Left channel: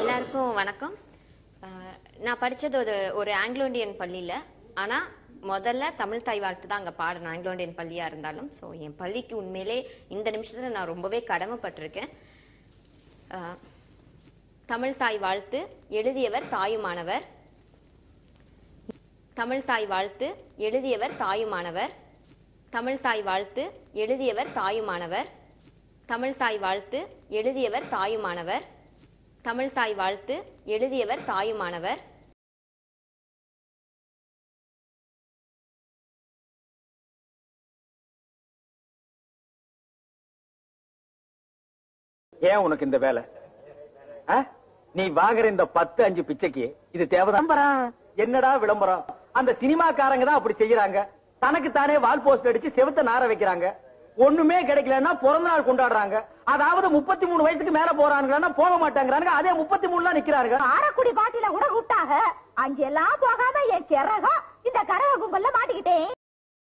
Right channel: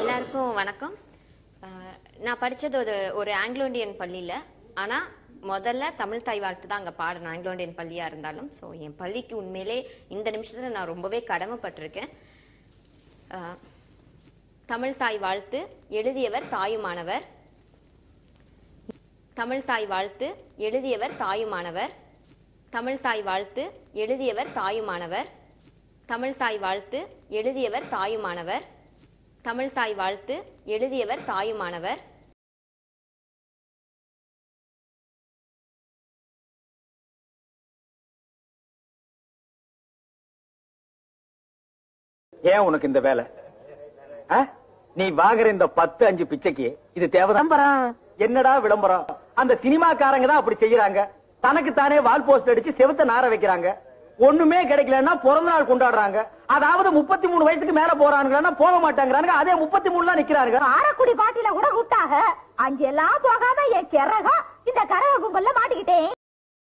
எல்லாருக்கும் வணக்கம். நான் படித்தது ஒரு ஆங்கிலோ இண்டியன் பள்ளியில். ஆனால் முதல்ல தமிழ் தாய் வாழ்த்து தான் அங்கே பாடணும், ஆங்கிலோ இண்டியன் பள்ளியாக இருந்தாலும். ஸோ என் பள்ளிக்கு உண்மையிலே இந்த நிமிஷத்தில் நான் ரொம்பவே கடமைப்பட்டிருக்கேன். தமிழ் தாய் வாழ்த்து எழுதியவர் தாயுமானவர். தமிழ் தாய் வாழ்த்து எழுதியவர் தாயுமானவர். தமிழ் தாய் வாழ்த்து எழுதியவர் தாயுமானவர். தமிழ் தாய் வாழ்த்து எழுதியவர் தாயுமானவர். தமிழ் தாய் வாழ்த்து எழுதியவர் தாயுமானவர். ஏன் உனக்கு இந்த வேலை? நீ வாங்குற இந்த 10-5 பிச்சைக்கு இது தேவைதான். என்னடா விளம்பரம்? அந்த சினிமாக்காரங்க தான் அப்படி செய்யறாங்க. தனக்கு தானே வால் போஸ்ட் அடிச்சு செவத்த நார வைக்கிறாங்க. ஒண்ணுமே கிடைக்கலன்னா பிறந்த நாள் கொண்டாடுறாங்க. அதாவது 33 வயசுக்கு மேல போறாங்கன்னா போக மாட்டாங்க. அதே 33 நிக்கிறாங்க. ஆரக்குடி பாட்டில கூட விட்டாங்க. அங்கெல்லாம் போகாம என் கிறகா